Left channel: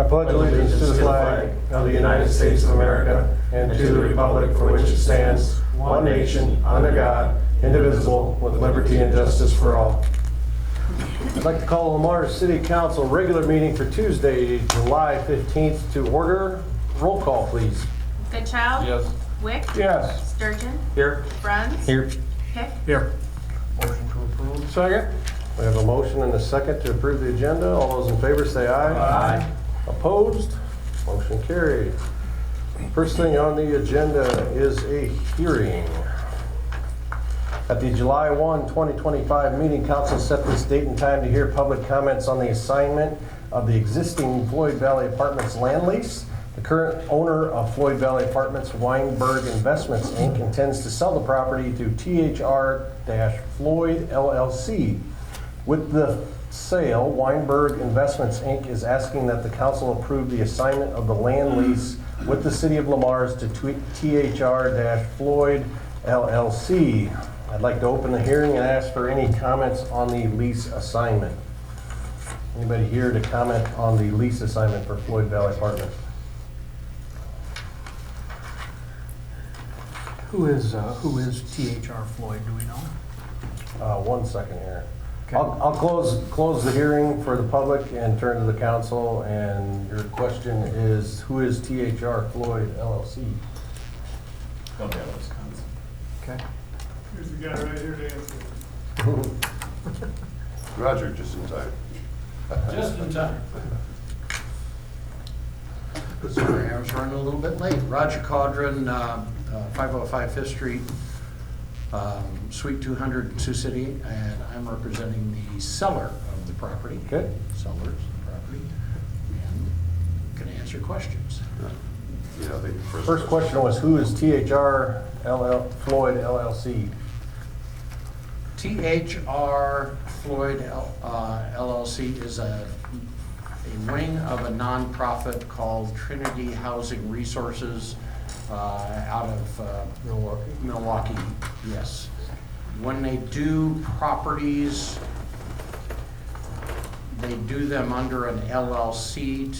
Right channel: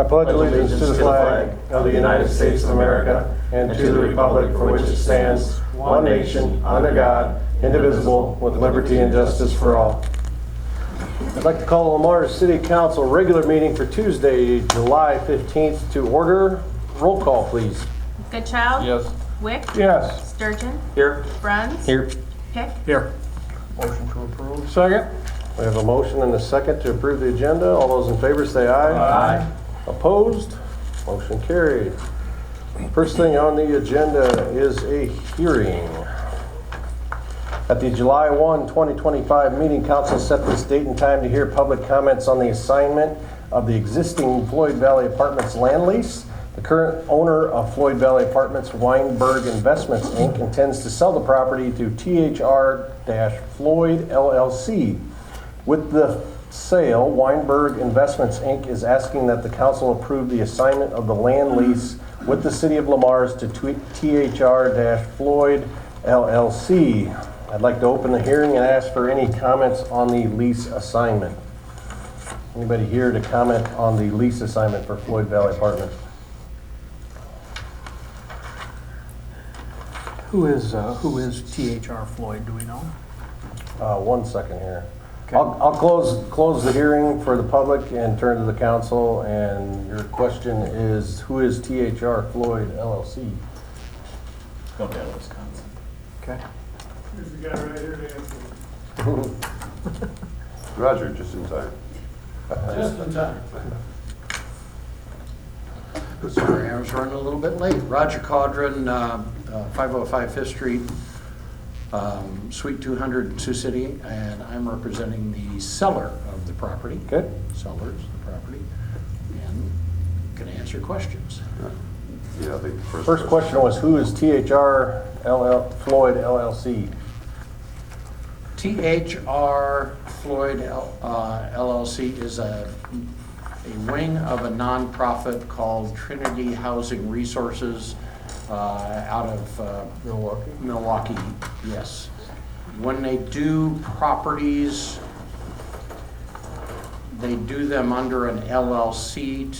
I pledge allegiance to the flag of the United States of America and to the republic for which it stands, one nation, under God, indivisible, with liberty and justice for all. I'd like to call Lamar City Council regular meeting for Tuesday, July 15th to order. Roll call, please. Goodchild? Yes. Wick? Yes. Sturgeon? Here. Bruns? Here. Pick? Here. Motion to approve. Second. We have a motion and a second to approve the agenda. All those in favor say aye. Aye. Opposed? Motion carried. First thing on the agenda is a hearing. At the July 1, 2025 meeting, council set this date and time to hear public comments on the assignment of the existing Floyd Valley Apartments land lease. The current owner of Floyd Valley Apartments, Weinberg Investments, Inc., intends to sell the property to THR-Floyd LLC. With the sale, Weinberg Investments, Inc. is asking that the council approve the assignment of the land lease with the City of Lamar's to THR-Floyd LLC. I'd like to open the hearing and ask for any comments on the lease assignment. Anybody here to comment on the lease assignment for Floyd Valley Apartments? Who is THR Floyd, do we know? 1 second here. Okay. I'll close the hearing for the public and turn to the council. And your question is, who is THR Floyd LLC? Don't have Wisconsin. Okay. Here's the guy right here to answer. Roger, just in time. Just in time. Sorry, I was running a little bit late. Roger Caudron, 505 Fifth Street, Suite 200 in Sioux City, and I'm representing the seller of the property. Okay. Sellers of the property, and can answer questions. Yeah, the First question was, who is THR Floyd LLC? THR Floyd LLC is a wing of a nonprofit called Trinity Housing Resources out of Milwaukee, yes. When they do properties, they do them under an LLC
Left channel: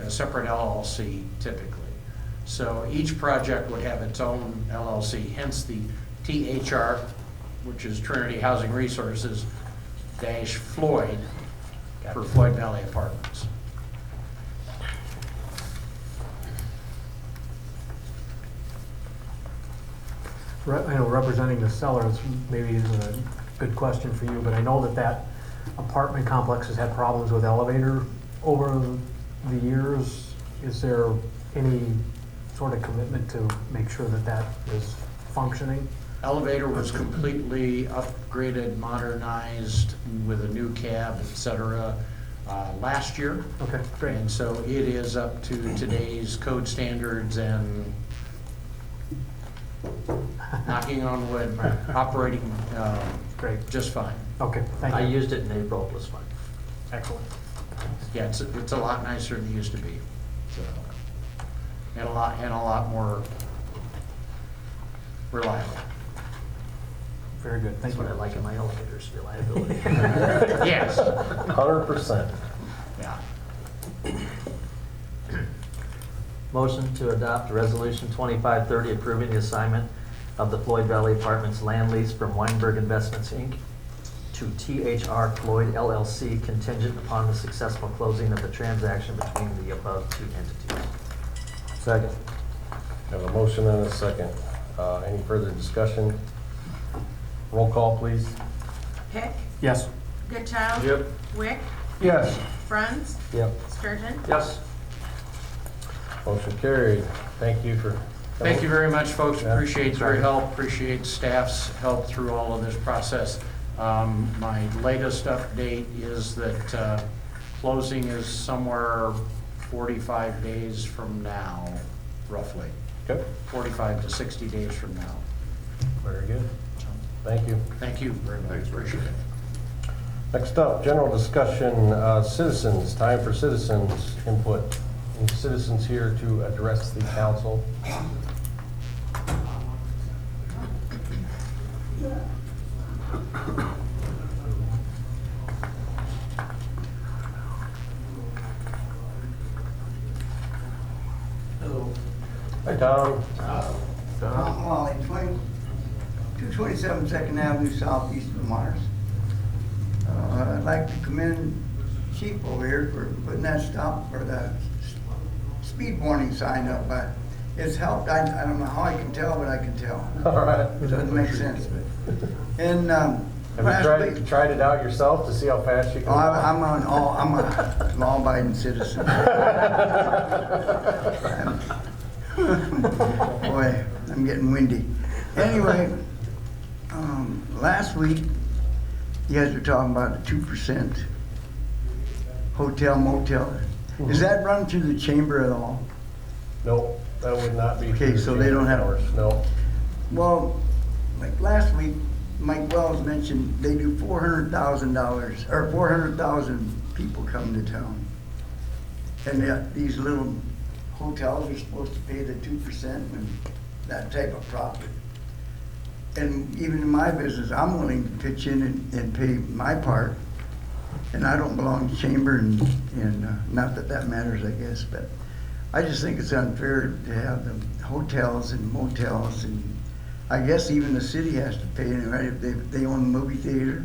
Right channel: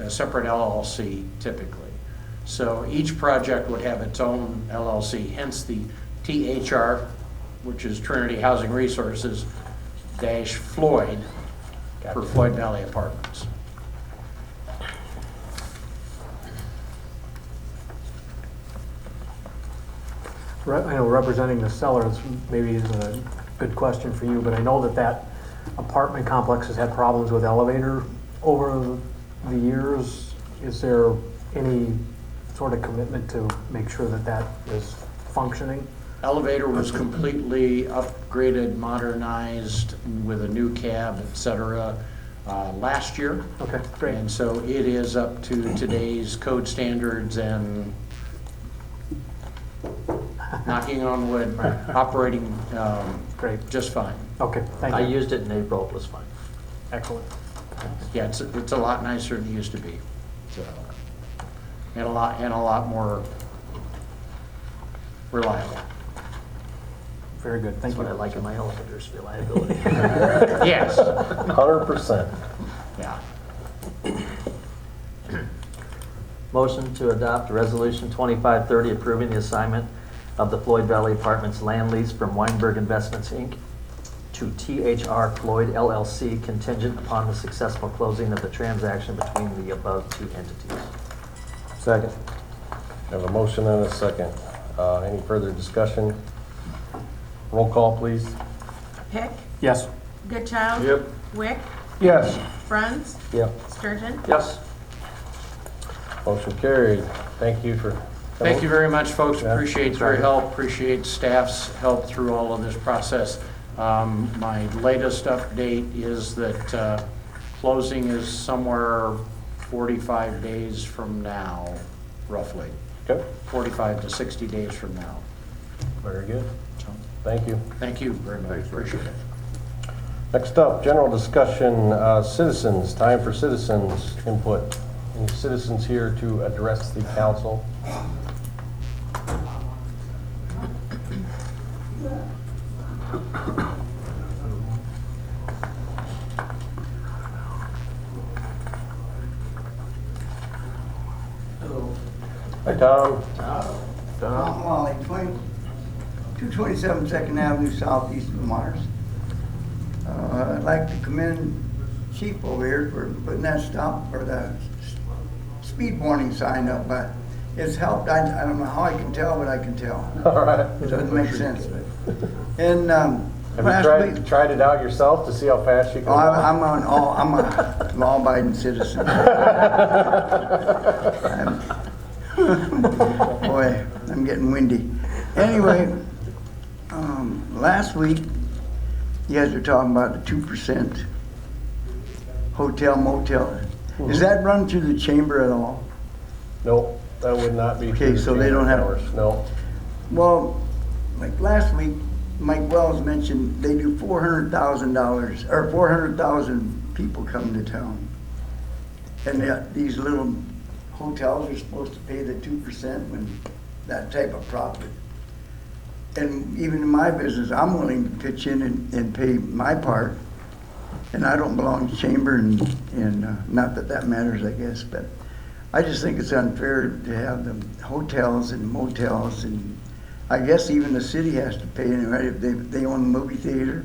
a separate LLC typically. So each project would have its own LLC, hence the THR, which is Trinity Housing Resources dash Floyd for Floyd Valley Apartments. I know representing the sellers maybe isn't a good question for you, but I know that apartment complex has had problems with elevator over the years. Is there any sort of commitment to make sure that is functioning? Elevator was completely upgraded, modernized with a new cab, et cetera, last year. Okay, great. And so it is up to today's code standards and, knocking on wood, operating Great. just fine. Okay, thank you. I used it in April, it was fine. Excellent. Yeah, it's a lot nicer than it used to be. So, and a lot more reliable. Very good, thank That's what I you. like in my elevators, reliability. Yes, 100%. yeah. Motion to adopt Resolution 2530 approving the assignment of the Floyd Valley Apartments land lease from Weinberg Investments, Inc. to THR Floyd LLC contingent upon the successful closing of the transaction between the above two entities. Second. Have a motion and a second. Any further discussion? Roll call, please. Pick? Yes. Goodchild? Yep. Wick? Yes. Bruns? Yep. Sturgeon? Yes. Motion carried. Thank you for coming. Thank you very much, folks. Yeah. Appreciate your help, appreciate staff's help through all of this process. My latest update is that closing is somewhere 45 days from now, roughly. Okay. 45 to 60 days from now. Very good. So, Thank you. thank you very much. Thanks, Rick. Appreciate it. Next up, general discussion, citizens, time for citizens input. Any citizens here to address the council? Hi, Tom. Tom Wally, 227 Second Avenue Southeast of Mars. I'd like to commend Chief over here for putting that stop, or the speed warning sign up, but it's helped. I don't know how I can tell, but I can tell. All right. It doesn't make sense. And Have last you week, tried it out yourself to see how fast you can? I'm a law-abiding citizen. Boy, I'm getting windy. Anyway, last week, you guys were talking about the 2% hotel motel. Is that run through the chamber at all? Nope, that would not be. Okay, through so the they don't have- hours. No. Well, like last week, Mike Wells mentioned they do $400,000, or 400,000 people come to town. And these little hotels are supposed to pay the 2% when that type of profit. And even in my business, I'm willing to pitch in and pay my part. And I don't belong to chamber, and not that that matters, I guess, but I just think it's unfair to have the hotels and motels, and I guess even the city has to pay, right, if they own the movie theater.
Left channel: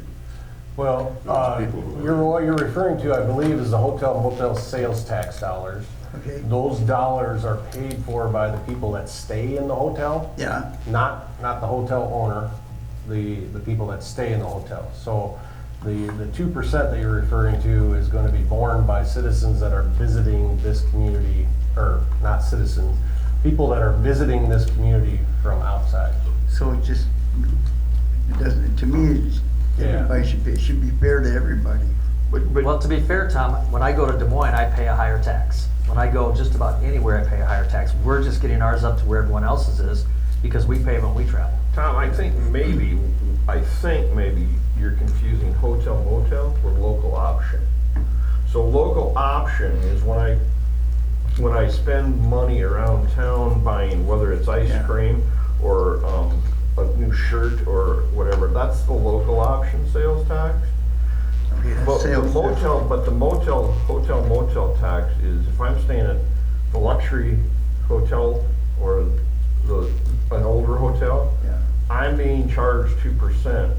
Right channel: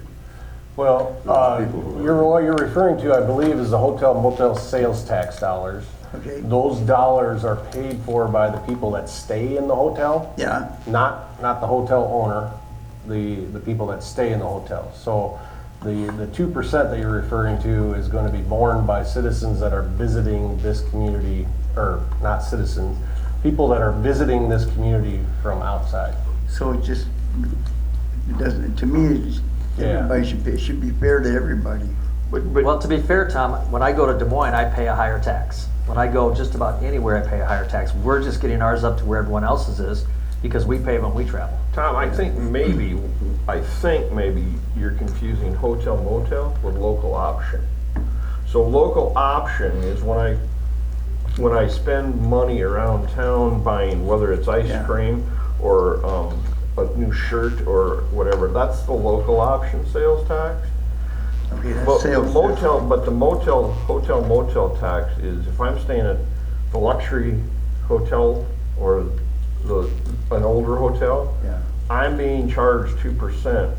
Well, what you're referring to, I believe, is the hotel motel sales tax dollars. Okay. Those dollars are paid for by the people that stay in the hotel. Yeah. Not the hotel owner, the people that stay in the hotel. So the 2% that you're referring to is going to be borne by citizens that are visiting this community, or not citizens, people that are visiting this community from outside. So it doesn't, to me, everybody should pay. It should be fair to everybody. Well, to be fair, Tom, when I go to Des Moines, I pay a higher tax. When I go just about anywhere, I pay a higher tax. We're just getting ours up to where everyone else's is because we pay when we travel. Tom, I think maybe you're confusing hotel motel with local option. So local option is when I spend money around town buying, whether it's ice cream or a new shirt or whatever, that's the local option sales tax. Okay, that's But sales the tax. hotel motel tax is if I'm staying at the luxury hotel or an older hotel, Yeah. I'm being charged 2%.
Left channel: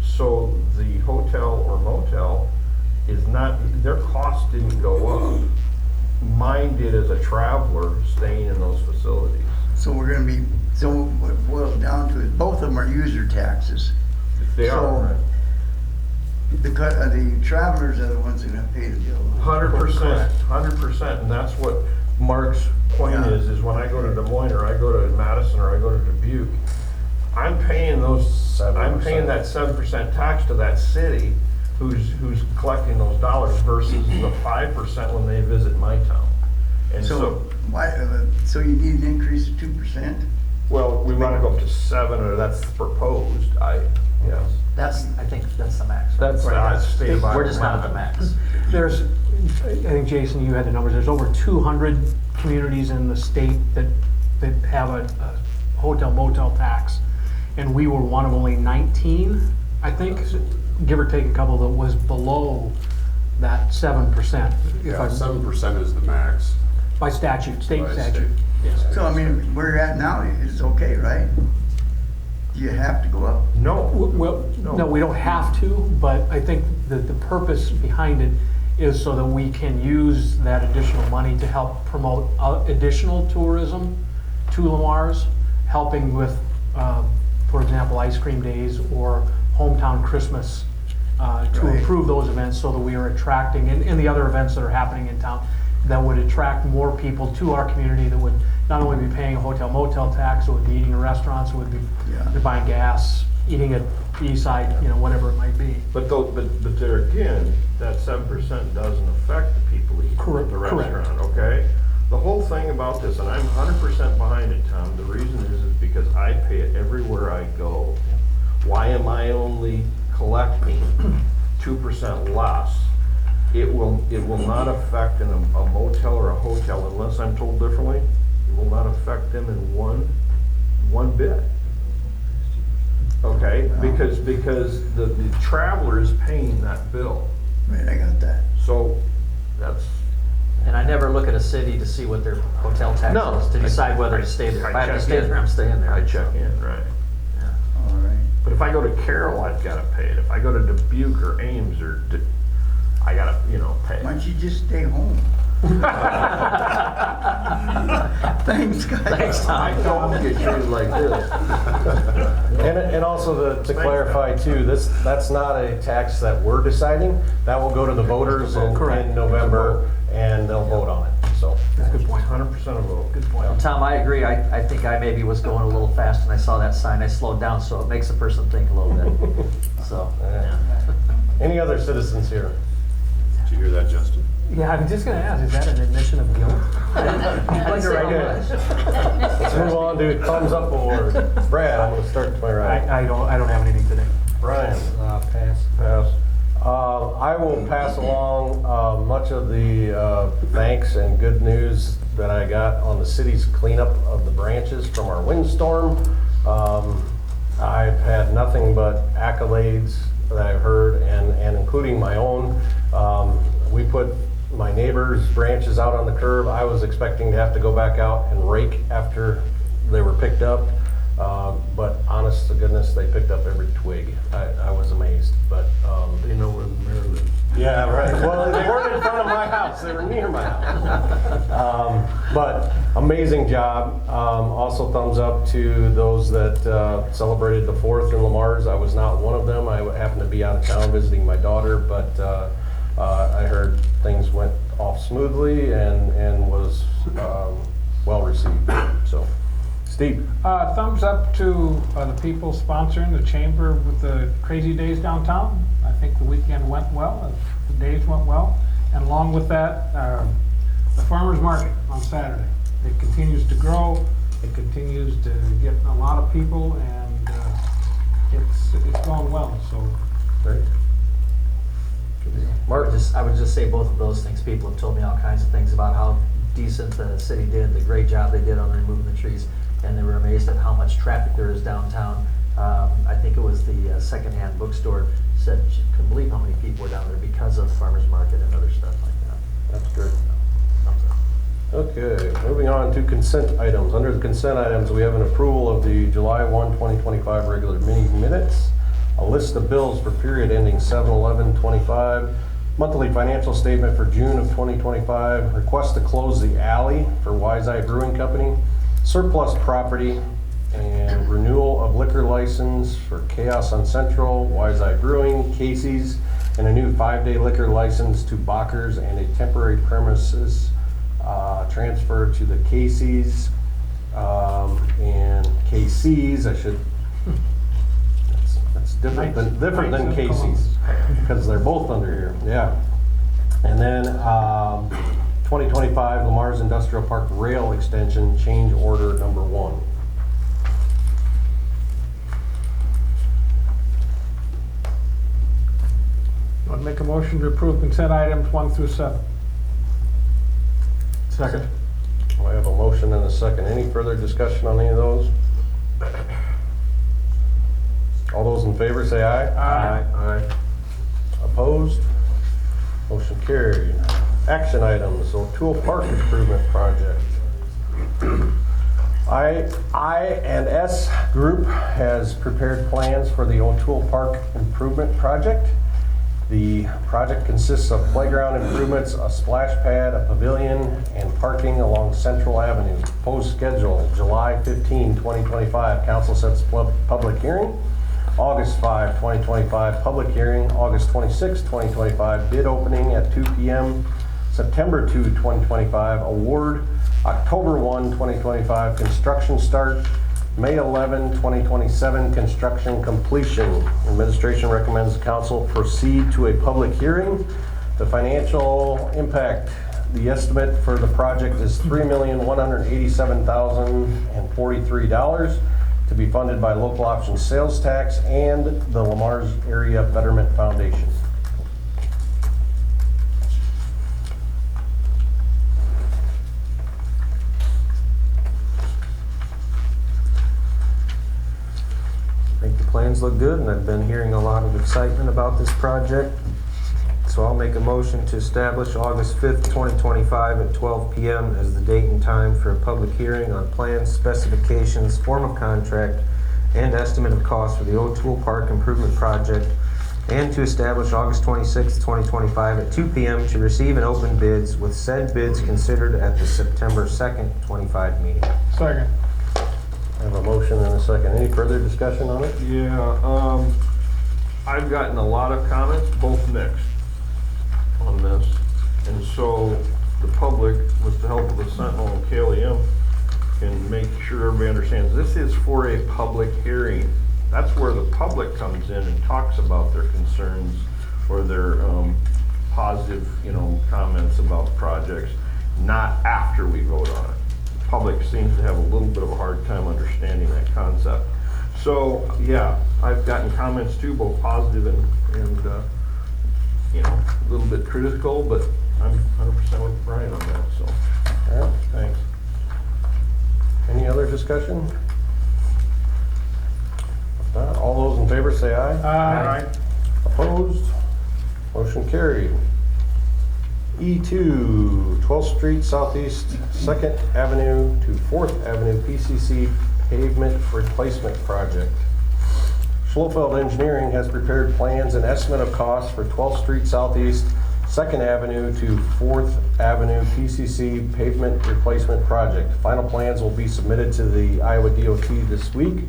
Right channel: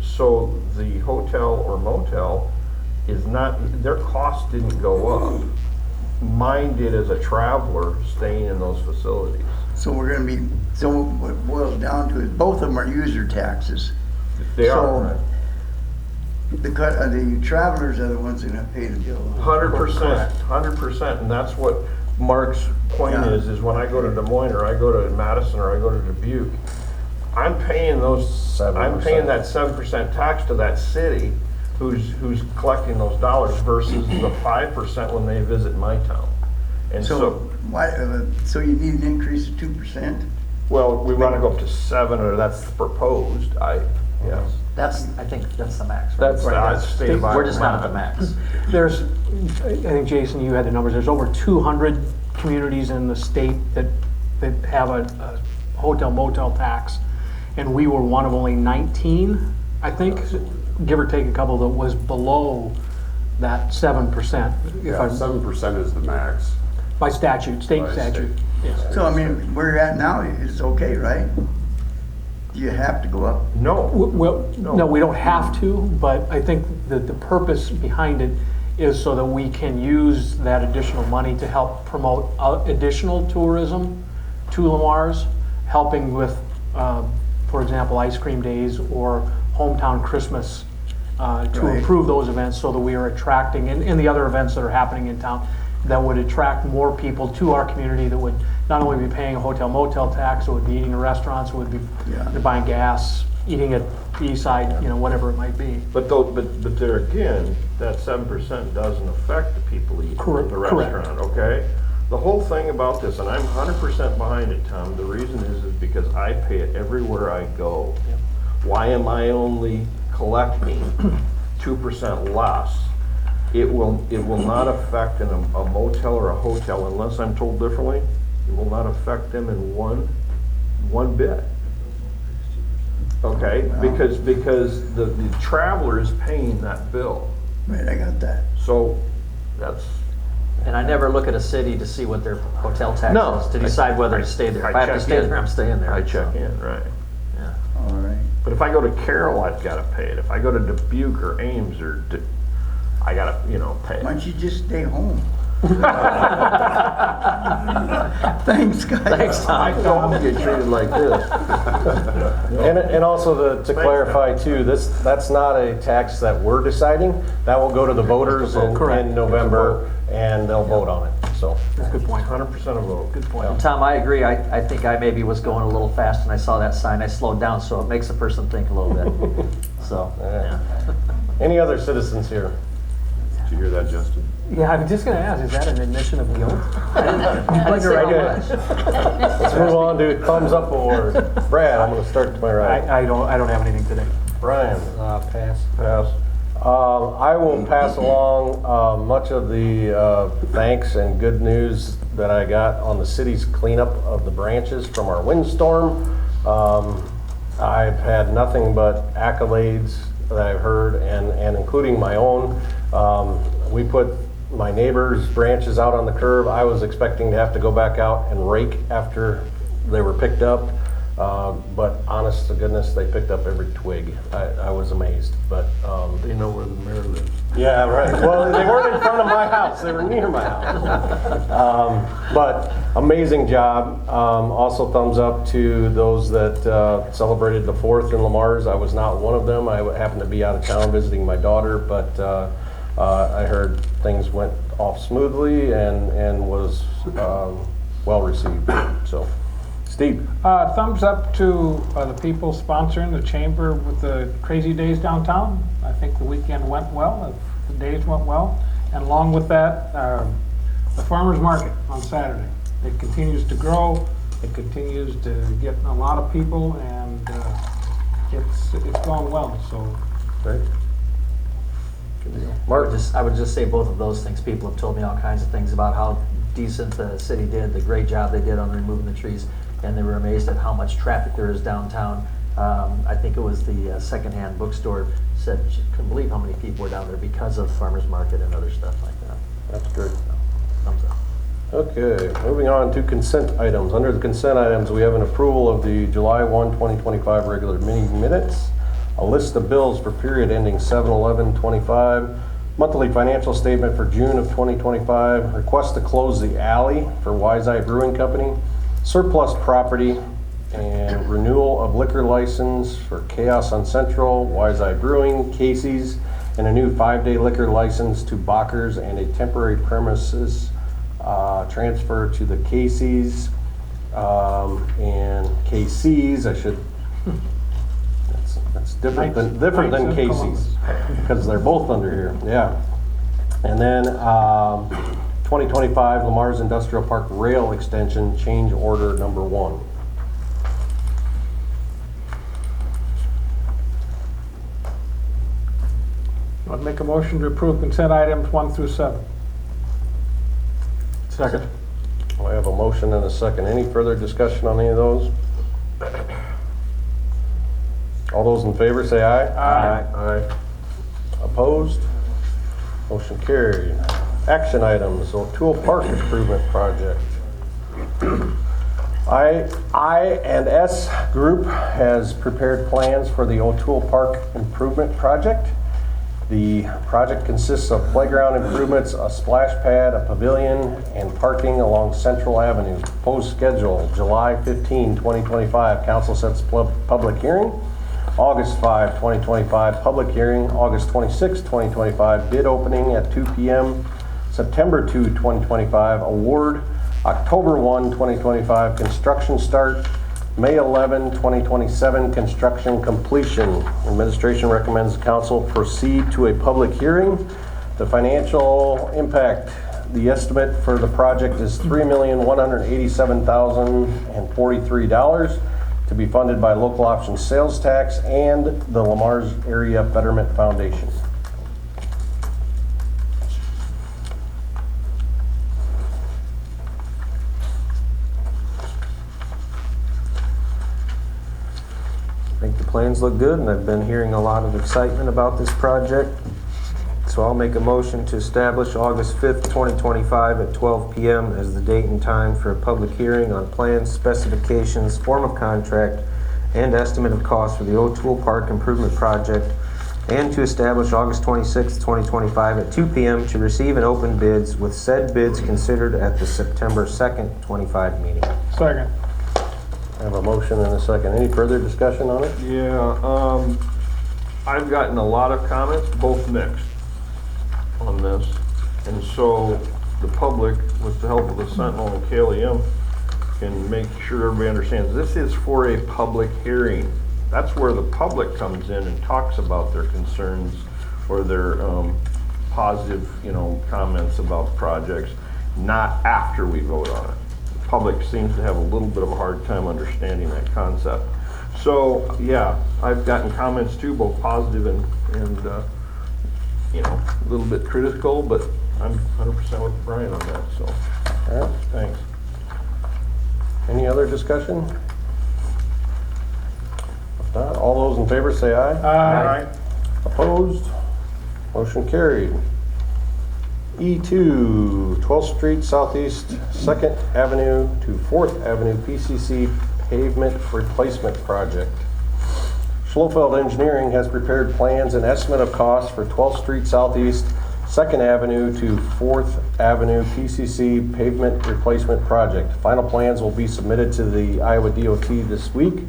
So the hotel or motel is not, their cost didn't go up. Mine did as a traveler staying in those facilities. So we're gonna be, so what it boils down to is both of them are user taxes. They So, are. The travelers are the ones that are gonna pay the bill. 100%, and that's what Mark's point Yeah. is when I go to Des Moines or I go to Madison or I go to Dubuque, I'm paying that 7% tax to that city who's collecting those dollars versus the 5% when they visit my town. And So why, so you need an increase of 2%? well, we want to go up to 7, or that's proposed, yes. I think that's the max. Right? That's state of We're just not at the Iowa. max. There's, I think, Jason, you had the numbers, there's over 200 communities in the state that have a hotel motel tax. And we were one of only 19, I think, give or take a couple, that was below that 7%. Yeah, 7% is the max. By statute, state By statute. Yes. So I mean, where you're at now is okay, right? Do you have to go up? No. Well, no, we don't have to, but I think that the purpose behind it is so that we can use that additional money to help promote additional tourism to Lamar's, helping with, for example, ice cream days or hometown Christmas, to Right. improve those events so that we are attracting, and the other events that are happening in town, that would attract more people to our community that would not only be paying a hotel motel tax, it would be eating in restaurants, it would be Yeah. buying gas, eating at the east side, whatever it might be. But there again, that 7% doesn't affect the people eating Correct, at the correct. restaurant, okay? The whole thing about this, and I'm 100% behind it, Tom, the reason is because I pay it everywhere I go. Why am I only collecting 2% less? It will not affect a motel or a hotel unless I'm told differently. It will not affect them in one bit. Okay, because the traveler is paying that bill. Right, I got that. So that's And I never look at a city to see what their hotel tax No. is, to decide whether to stay there. If I have to check stay in. there, I'm staying there. I check so, in, right. yeah. All right. But if I go to Carroll, I've gotta pay it. If I go to Dubuque or Ames I gotta, pay Why it. don't you just stay home? Thanks, guys. Thanks, Tom. I don't get treated like this. And also to clarify too, that's not a tax that we're deciding. That will go to the voters in November, and they'll vote on it, so. That's a good point. 100% a vote. Good point. And Tom, I agree. I think I maybe was going a little fast and I saw that sign. I slowed down, so it makes a person think a little bit. So, yeah. Any other citizens here? Did you hear that, Justin? Yeah, I was just gonna ask, is that an admission of guilt? I didn't say Okay. much. Let's move on to thumbs up award. Brad, I'm gonna start to my right. I don't have anything today. Brian? Pass. Pass. I will pass along much of the thanks and good news that I got on the city's cleanup of the branches from our windstorm. I've had nothing but accolades that I've heard, and including my own. We put my neighbor's branches out on the curb. I was expecting to have to go back out and rake after they were picked up. But honest to goodness, they picked up every twig. I was amazed, but. They know where the mayor lives. Yeah, right. Well, they weren't in front of my house, they were near my house. But amazing job. Also thumbs up to those that celebrated the 4th in Lamar's. I was not one of them. I happened to be out of town visiting my daughter, but I heard things went off smoothly and was well received, so. Steve? Thumbs up to the people sponsoring the chamber with the crazy days downtown. I think the weekend went well, the days went well. And along with that, the farmer's market on Saturday. It continues to grow, it continues to get a lot of people, and it's going well, so. Great. Mark, I would just say both of those things. People have told me all kinds of things about how decent the city did, the great job they did on removing the trees, and they were amazed at how much traffic there is downtown. I think it was the secondhand bookstore said she couldn't believe how many people were down there because of farmers market and other stuff like that. That's great. So, thumbs up. Okay, moving on to consent items. Under the consent items, we have an approval of the July 1, 2025 regular meeting minutes, a list of bills for period ending 7/11/25, monthly financial statement for June of 2025, request to close the alley for Wise Eye Brewing Company, surplus property, and renewal of liquor license for Chaos on Central, Wise Eye Brewing, Casey's, and a new 5-day liquor license to Bachers, and a temporary premises transfer to the Casey's and KC's. That's different than Casey's because they're both under here. Yeah, and then 2025 Lamar's Industrial Park Rail Extension change order number 1. I'd make a motion to approve consent items 1 through 7. Second. I have a motion and a second. Any further discussion on any of those? All those in favor say aye. Aye. Aye. Opposed? Motion carried. Action items, O'Toole Park Improvement Project. I&S Group has prepared plans for the O'Toole Park Improvement Project. The project consists of playground improvements, a splash pad, a pavilion, and parking along Central Avenue. Proposed schedule, July 15, 2025. Council sets public hearing. August 5, 2025, public hearing. August 26, 2025, bid opening at 2 p.m. September 2, 2025, award. October 1, 2025, construction start. May 11, 2027, construction completion. Administration recommends the council proceed to a public hearing. The financial impact, the estimate for the project is $3,187,043 to be funded by local option sales tax and the Lamar's Area Betterment Foundation. I think the plans look good, and I've been hearing a lot of excitement about this project. It's So I'll make a motion to establish August 5th, 2025 at 12 p.m. as the date and time for a public hearing on plans, specifications, form of contract, and estimate of cost for the O'Toole Park Improvement Project, and to establish August 26th, 2025 at 2 p.m. to receive and open bids, with said bids considered at the September 2nd, 25 meeting. Second. I have a motion and a second. Any further discussion on it? Yeah, I've gotten a lot of comments, both mixed, on this. And so the public, with the help of the Sentinel and KLEM, can make sure everybody understands this is for a public hearing. That's where the public comes in and talks about their concerns or their positive, comments about projects, not after we vote on it. The public seems to have a little bit of a hard time understanding that concept. So, yeah, I've gotten comments too, both positive and a little bit critical, but I'm 100% with Brian on that, so, All right. thanks. Any other discussion? If not, all those in favor say aye. Aye. Opposed? Motion carried. E2, 12th Street Southeast, 2nd Avenue to 4th Avenue PCC Pavement Replacement Project. Schlofeld Engineering has prepared plans and estimate of costs for 12th Street Southeast, 2nd Avenue to 4th Avenue PCC Pavement Replacement Project. Final plans will be submitted to the Iowa DOT this week.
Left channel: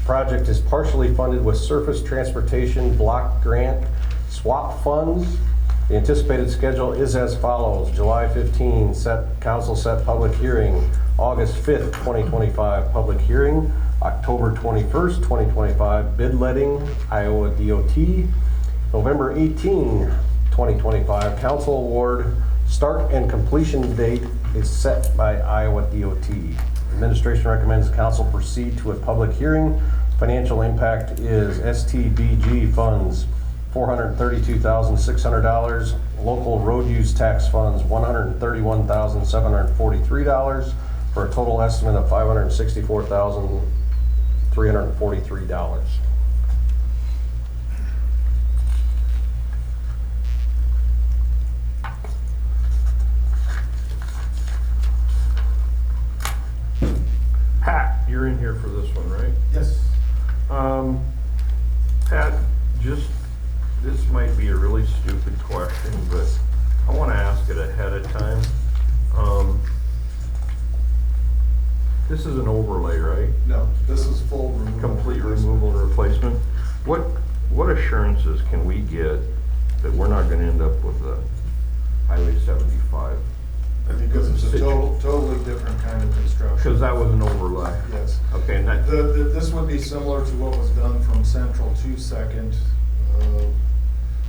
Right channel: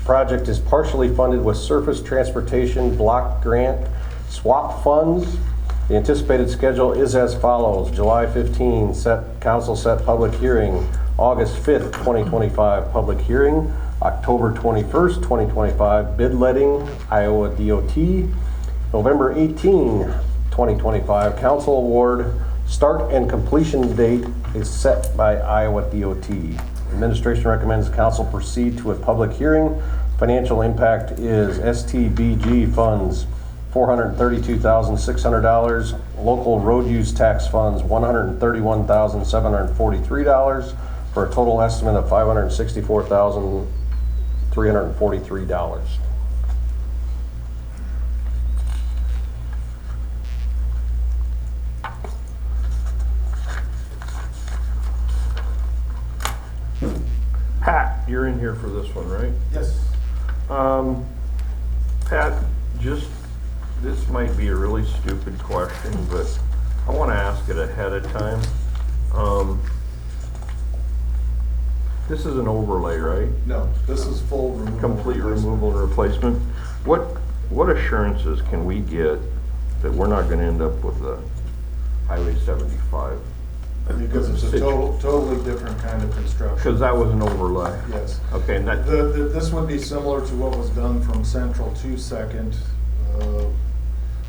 The project is partially funded with Surface Transportation Block Grant swap funds. The anticipated schedule is as follows. July 15, council set public hearing. August 5th, 2025, public hearing. October 21st, 2025, bid letting, Iowa DOT. November 18, 2025, council award. Start and completion date is set by Iowa DOT. Administration recommends council proceed to a public hearing. Financial impact is STBG funds, $432,600. Local road use tax funds, $131,743, for a total estimate of $564,343. Pat, you're in here for this one, right? Yes. Pat, this might be a really stupid question, but I want to ask it ahead of time. This is an overlay, right? No, this is full removal. Complete removal and replacement. What assurances can we get that we're not going to end up with a Highway 75? Because it's a totally different kind of construction. Because that was an overlay. Yes. Okay, and that, This would be similar to what was done from Central to Second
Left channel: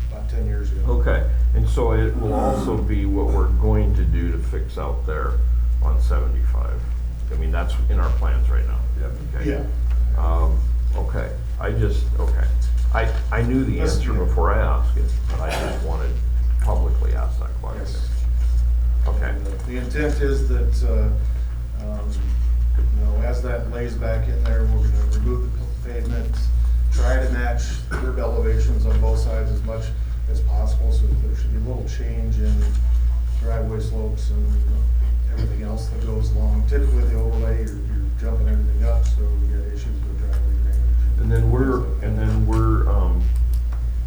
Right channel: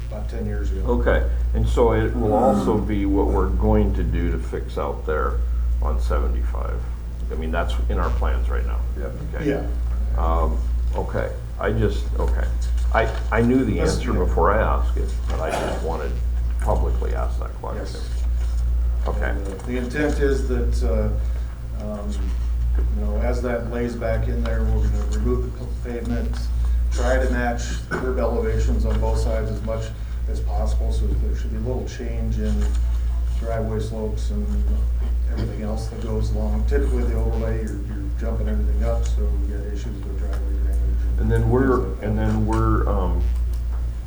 about 10 years ago. okay, and so it will also be what we're going to do to fix out there on 75. I mean, that's in our plans right now. Okay. Yeah. Okay, I knew the answer before I asked it, but I just wanted to publicly ask that question. Yes. Okay. And, the intent is that, as that lays back in there, we're gonna remove the pavement, try to match curb elevations on both sides as much as possible, so there should be a little change in driveway slopes and everything else that goes along. Typically, the overlay, you're jumping everything up, so we get issues with driveway drainage. And then we're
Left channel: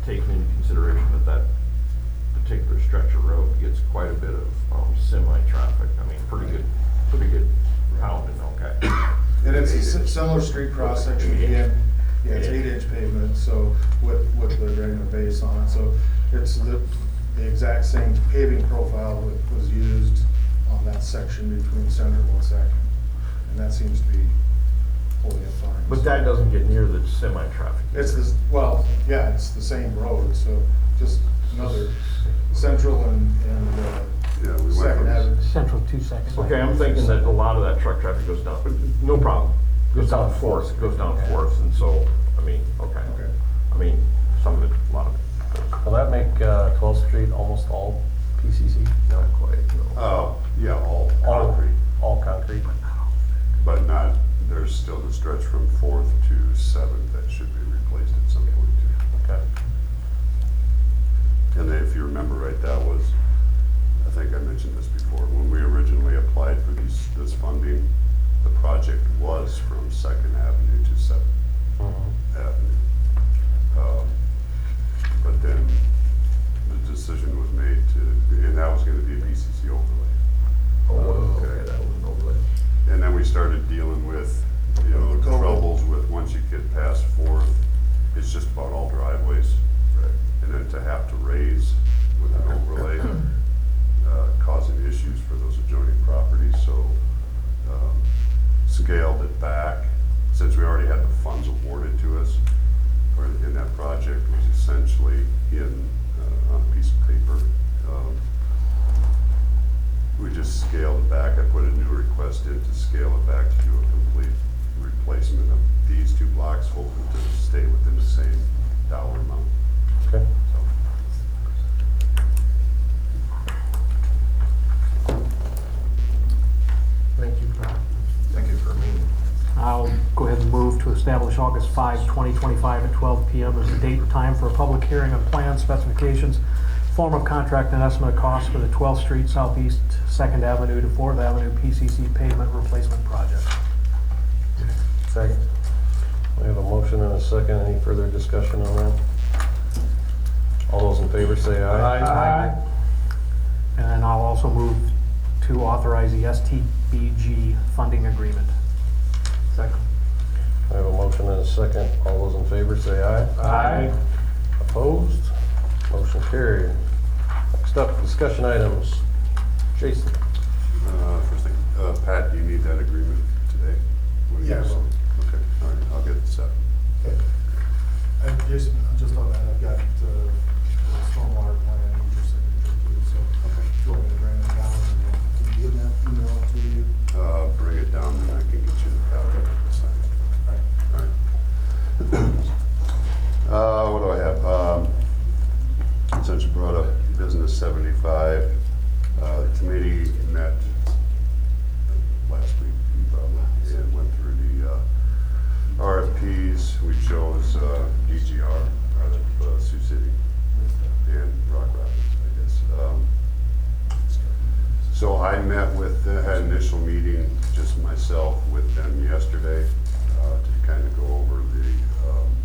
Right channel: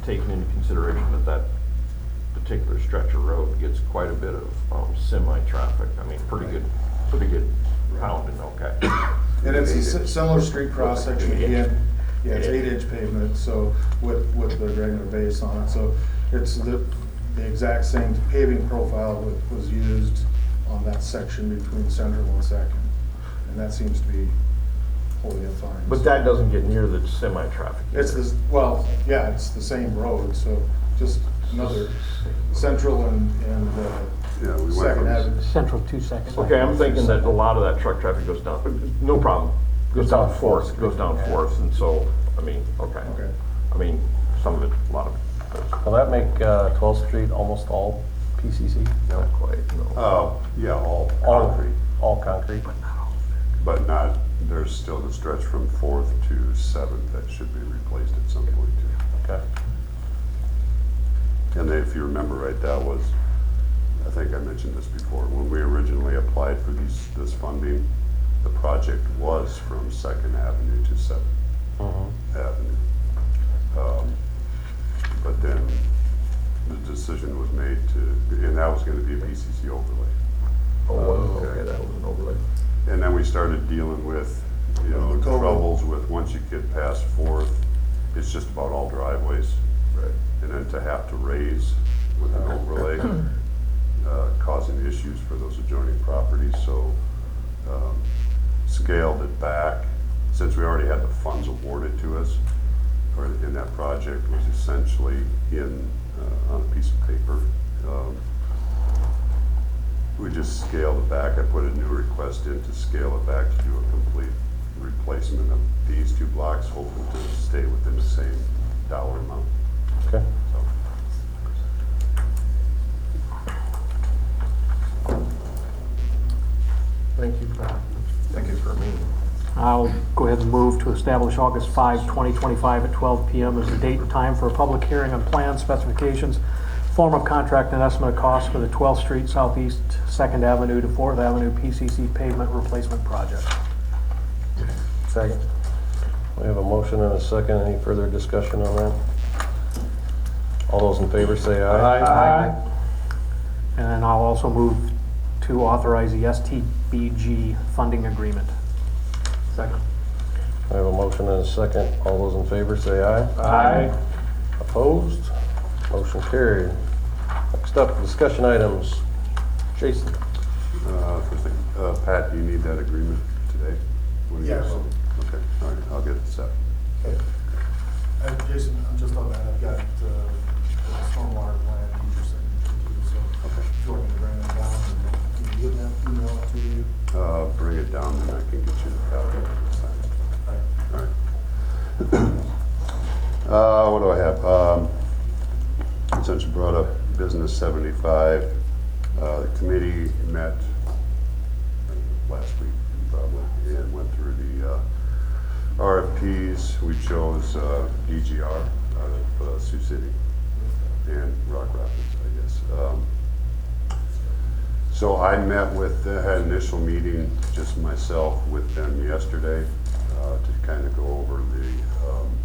taking into consideration that particular stretch of road gets quite a bit of semi-traffic. I mean, pretty good pounding, okay. And it's a similar street cross section again. Yeah, it's 8-inch pavement, so with the regular base on it. So it's the exact same paving profile that was used on that section between Central and Second. And that seems to be holding up fine. But that doesn't get near the semi-traffic. It's this, well, yeah, it's the same road, so just another Central and Second Avenue. Central 2 seconds. Okay, I'm thinking that a lot of that truck traffic goes down, no problem, goes down Fourth, and so, I mean, okay. Okay. I mean, some of it, a lot of it, Will that make 12th Street almost all PCC? not quite, no. Yeah, all All- concrete, All concrete? but not, there's still the stretch from 4th to 7th that should be replaced at some point too. Okay. And if you remember right, that was, I think I mentioned this before, when we originally applied for this funding, the project was from Second Avenue to Seventh Avenue. But then the decision was made to, and that was gonna be a BCC overlay. Okay, that was an overlay. And then we started dealing with, you know, The COVID. troubles with, once you get past Fourth, it's just about all driveways. Right. And then to have to raise with an overlay, causing issues for those adjoining properties, so scaled it back. Since we already had the funds awarded to us, or in that project was essentially on a piece of paper. We just scaled it back. I put a new request in to scale it back to do a complete replacement of these two blocks, hoping to stay within the same dollar amount. Okay. So, Thank you for me. I'll go ahead and move to establish August 5, 2025 at 12 PM as the date and time for a public hearing on plans, specifications, form of contract, and estimate of costs for the 12th Street Southeast 2nd Avenue to 4th Avenue PCC pavement replacement project. Second. We have a motion and a second. Any further discussion on that? All those in favor say aye. Aye. And then I'll also move to authorize the STBG funding agreement. Second. I have a motion and a second. All those in favor say aye. Aye. Opposed? Motion carried. Next up, discussion items. Jason? first thing, Pat, do you need that agreement today? What do you Yeah, I guys- will. Okay, all right, I'll get it set. Jason, I'm just on that, I've got the stormwater plan, you just sent it to you, so if you want me to bring it down, can you give that email to you? Bring it down and I can get you the copy. Right. All right. What do I have? Since you brought up Business 75, the committee met last week probably and went through the RFPs. We chose DGR out of Sioux City and Rock Rapids, I guess. So I met with, had an initial meeting, just myself with them yesterday, to kind of go over the